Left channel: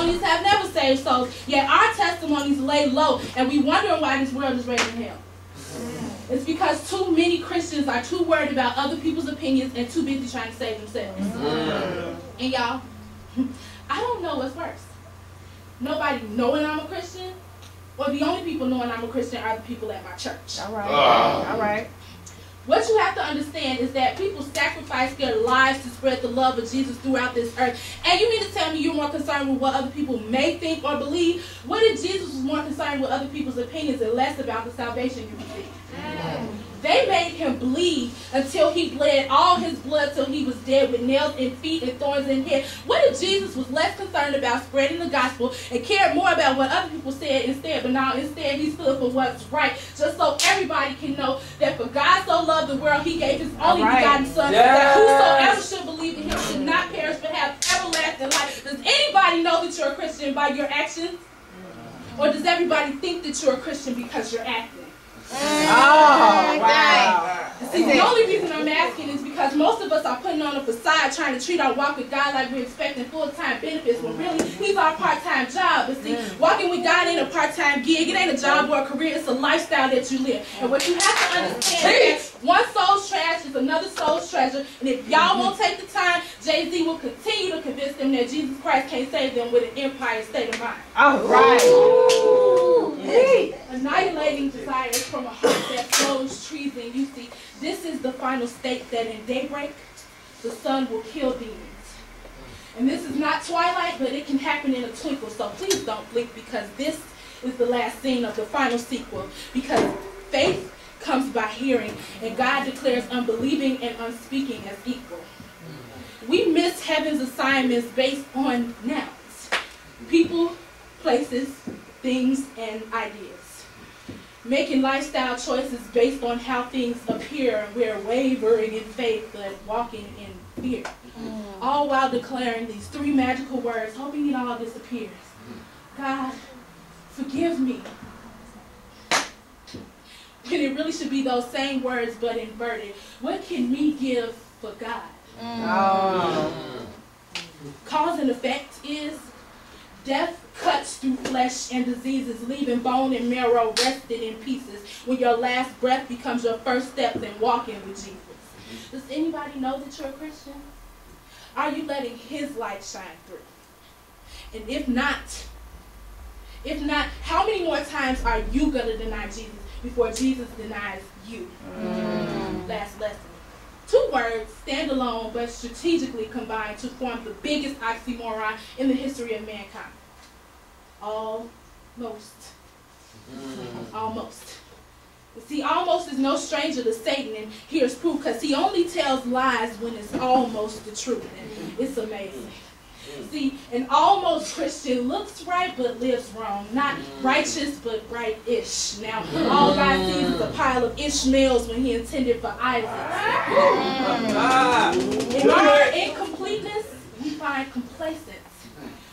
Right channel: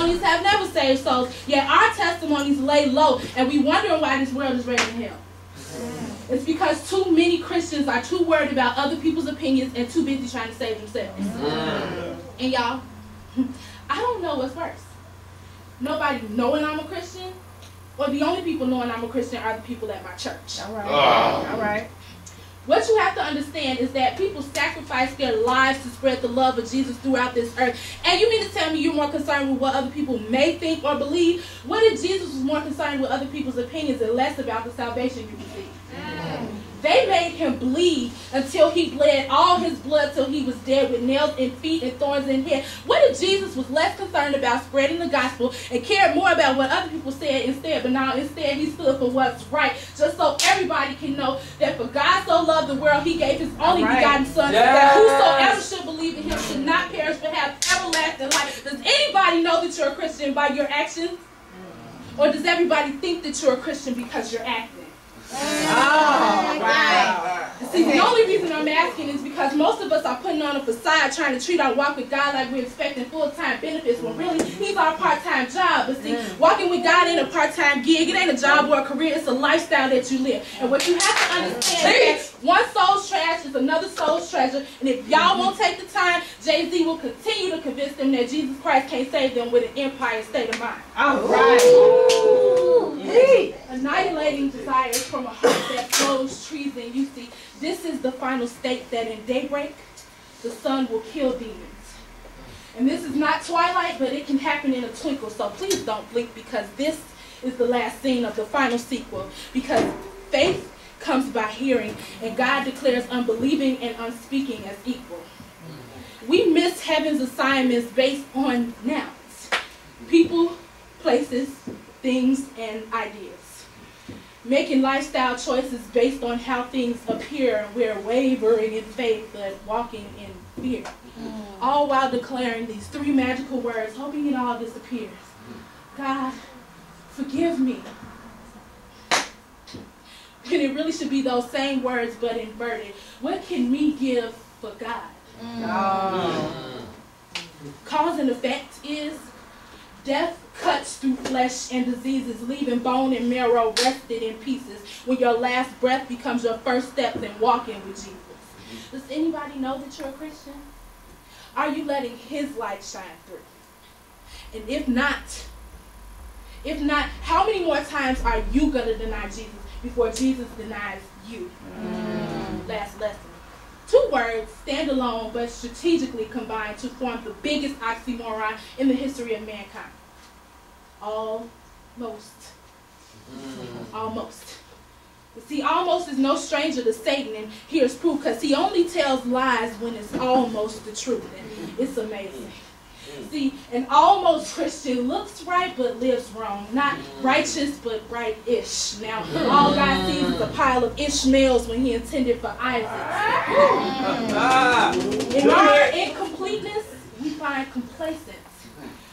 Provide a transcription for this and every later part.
testimonies have never saved souls, yet our testimonies lay low, and we wondering why this world is raising hell. It's because too many Christians are too worried about other people's opinions and too busy trying to save themselves. And y'all, I don't know what's worse. Nobody knowing I'm a Christian, or the only people knowing I'm a Christian are the people at my church. All right. All right. What you have to understand is that people sacrifice their lives to spread the love of Jesus throughout this earth. And you mean to tell me you're more concerned with what other people may think or believe? What if Jesus was more concerned with other people's opinions and less about the salvation you receive? They made him bleed until he bled all his blood till he was dead with nails in feet and thorns in head. What if Jesus was less concerned about spreading the gospel and cared more about what other people said instead? But now instead he stood for what's right, just so everybody can know that for God so loved the world, he gave his only begotten son, that whosoever should believe in him should not perish but have everlasting life. Does anybody know that you're a Christian by your actions? Or does everybody think that you're a Christian because you're acting? Oh, wow. See, the only reason I'm asking is because most of us are putting on a facade trying to treat our walk with God like we're expecting full-time benefits when really he's our part-time job. But see, walking with God ain't a part-time gig. It ain't a job or a career. It's a lifestyle that you live. And what you have to understand is that one soul's trash is another soul's treasure. And if y'all won't take the time, Jay-Z will continue to convince them that Jesus Christ can't save them with an empire state of mind. All right. Annihilating desires from a heart that flows treason. You see, this is the final state that in daybreak, the sun will kill demons. And this is not twilight, but it can happen in a twinkle. So please don't blink, because this is the last scene of the final sequel. Because faith comes by hearing, and God declares unbelieving and unspeaking as equal. We miss heaven's assignments based on nouns. People, places, things, and ideas. Making lifestyle choices based on how things appear. We're wavering in faith, but walking in fear. All while declaring these three magical words, hoping it all disappears. God, forgive me. When it really should be those same words, but inverted. What can me give for God? Cause and effect is death cuts through flesh and diseases, leaving bone and marrow rested in pieces when your last breath becomes your first steps in walking with Jesus. Does anybody know that you're a Christian? Are you letting his light shine through? And if not, how many more times are you going to deny Jesus before Jesus denies you? Last lesson. 2 words, stand alone, but strategically combined to form the biggest oxymoron in the history of mankind. Almost. Almost. See, almost is no stranger to Satan, and here's proof, because he only tells lies when it's almost the truth, and it's amazing. See, an almost Christian looks right but lives wrong. Not righteous but right-ish. Now, all God sees is a pile of Ishmaels when he intended for Isaac. In our incompleteness, we find complacence.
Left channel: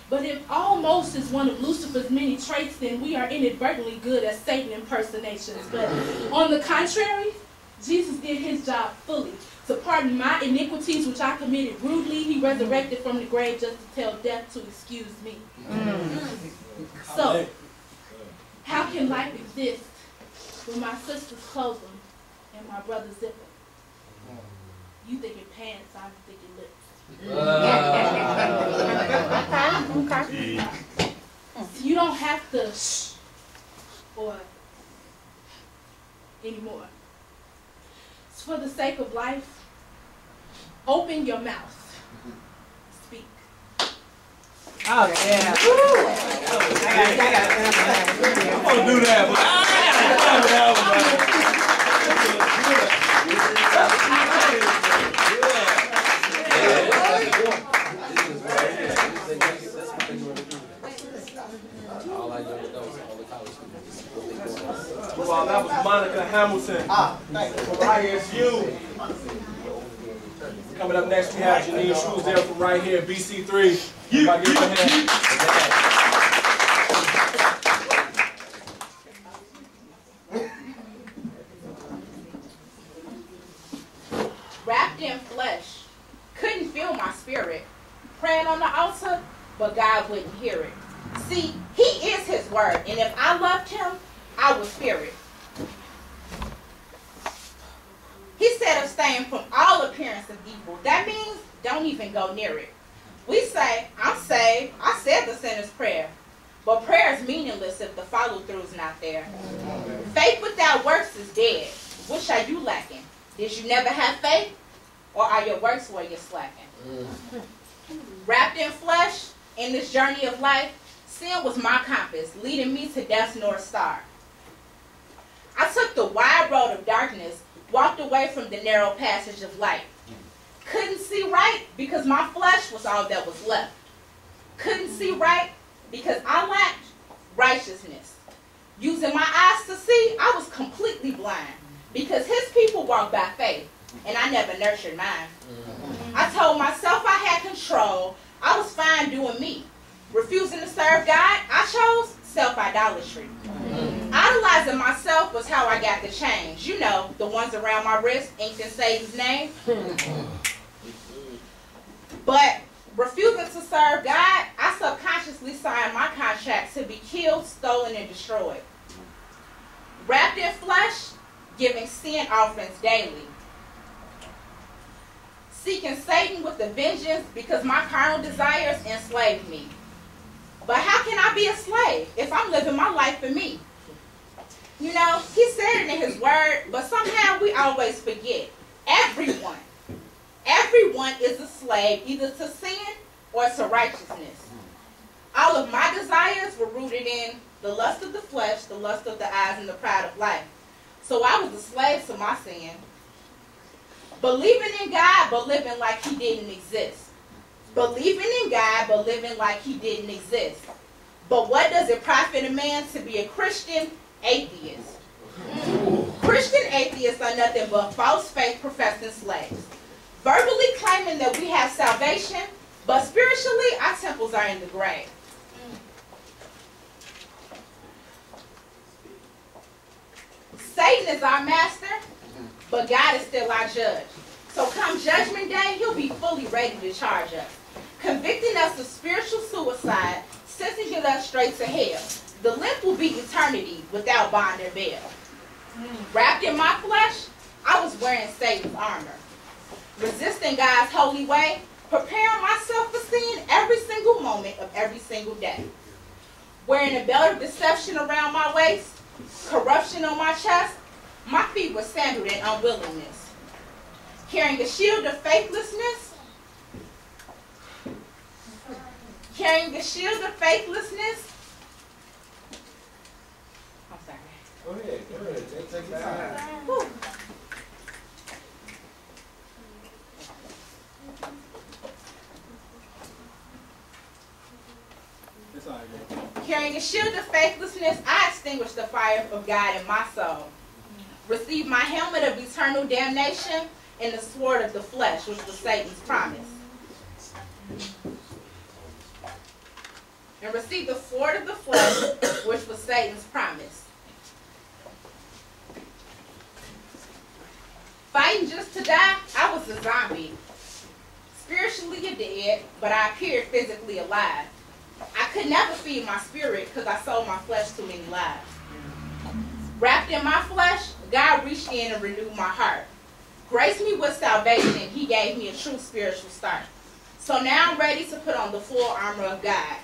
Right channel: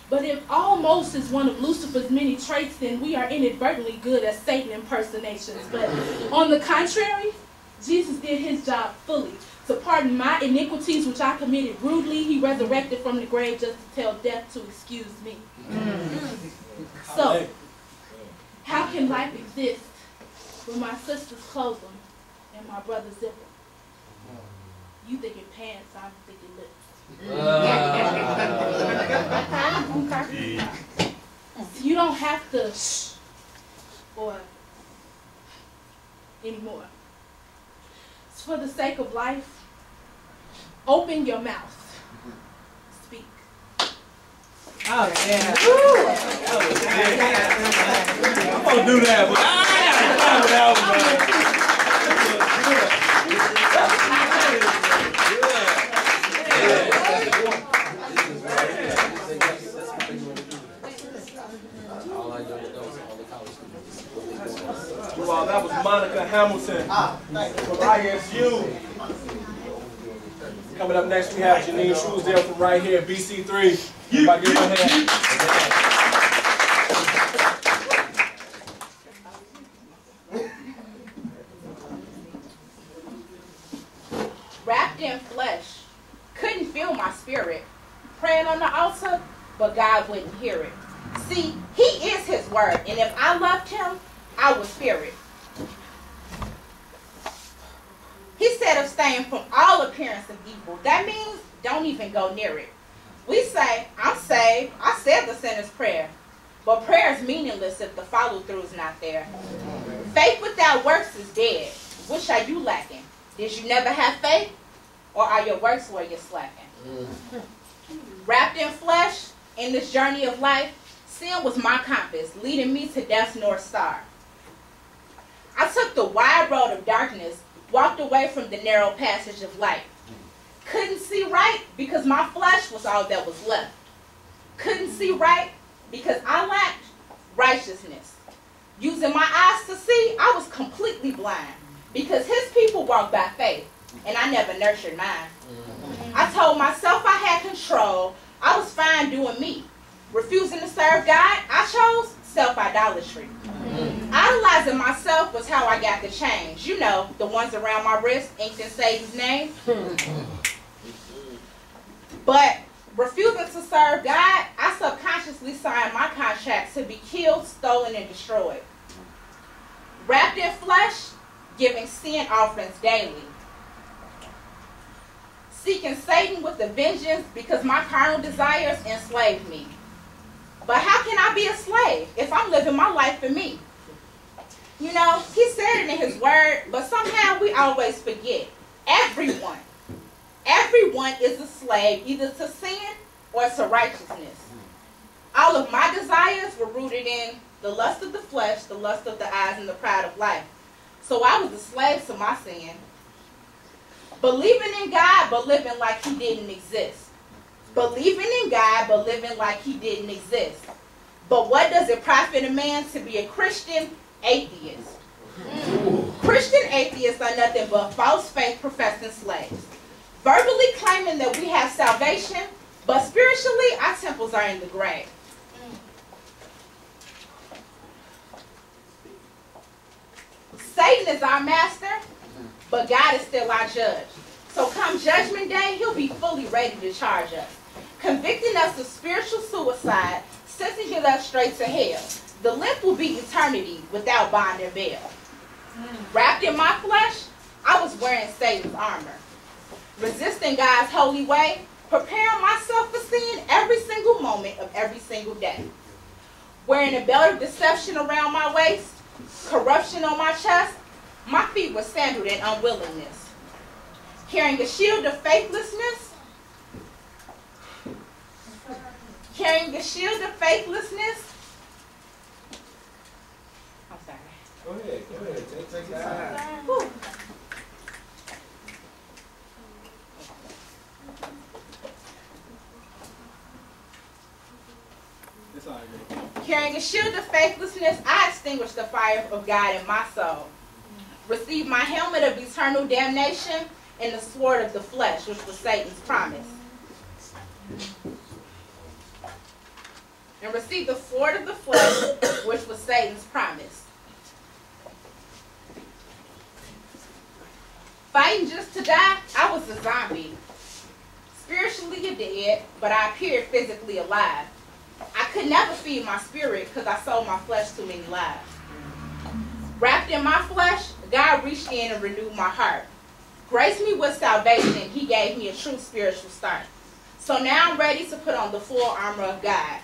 But if almost is one of Lucifer's many traits, then we are inadvertently good at Satan impersonations. But on the contrary, Jesus did his job fully. To pardon my iniquities, which I committed rudely, he resurrected from the grave just to tell death to excuse me. So, how can life exist when my sisters close them and my brothers zip them? You thinking pants, I'm thinking lips. You don't have to shh or anymore. For the sake of life, open your mouth. Speak. Oh, yeah. I'm going to do that, but I got to Well, that was Monica Hamilton from ISU. Coming up next, we have Janine Truesdale from right here, BC3. Everybody give her a hand. Wrapped in flesh, couldn't feel my spirit. Praying on the altar, but God wouldn't hear it. See, he is his word, and if I loved him, I would fear it. He said abstain from all appearance of evil. That means don't even go near it. We say, I'm saved. I said the sinner's prayer. But prayer is meaningless if the follow-through is not there. Faith without works is dead. Which are you lacking? Did you never have faith? Or are your works where you're slacking? Wrapped in flesh, in this journey of life, sin was my compass, leading me to death's North Star. I took the wide road of darkness, walked away from the narrow passage of light. Couldn't see right because my flesh was all that was left. Couldn't see right because I lacked righteousness. Using my eyes to see, I was completely blind because his people walk by faith, and I never nurtured mine. I told myself I had control. I was fine doing me. Refusing to serve God, I chose self-idolatry. Idolizing myself was how I got the change. You know, the ones around my wrist, inked in Satan's name. But refusing to serve God, I subconsciously signed my contract to be killed, stolen, and destroyed. Wrapped in flesh, giving sin offerings daily. Seeking Satan with a vengeance because my carnal desires enslaved me. But how can I be a slave if I'm living my life for me? You know, he said it in his word, but somehow we always forget. Everyone is a slave either to sin or to righteousness. All of my desires were rooted in the lust of the flesh, the lust of the eyes, and the pride of life. So I was a slave to my sin. Believing in God, but living like he didn't exist. Believing in God, but living like he didn't exist. But what does it profit a man to be a Christian atheist? Christian atheists are nothing but false faith professing slaves. Verbally claiming that we have salvation, but spiritually our temples are in the grave. Satan is our master, but God is still our judge. So come judgment day, he'll be fully ready to charge us, convicting us of spiritual suicide, sentencing us straight to hell. The length will be eternity without bond or bail. Wrapped in my flesh, I was wearing Satan's armor, resisting God's holy way, preparing myself for sin every single moment of every single day. Wearing a belt of deception around my waist, corruption on my chest, my feet were sandaled in unwillingness. Carrying a shield of faithlessness, I'm sorry. Go ahead. Take your time. Whew. It's all right. Carrying a shield of faithlessness, I extinguished the fire of God in my soul. Received my helmet of eternal damnation and the sword of the flesh, which was Satan's promise. And received the sword of the flesh, which was Satan's promise. Fighting just to die, I was a zombie. Spiritually dead, but I appeared physically alive. I could never feed my spirit because I sold my flesh too many lives. Wrapped in my flesh, God reached in and renewed my heart. Graced me with salvation. He gave me a true spiritual start. So now I'm ready to put on the full armor of God.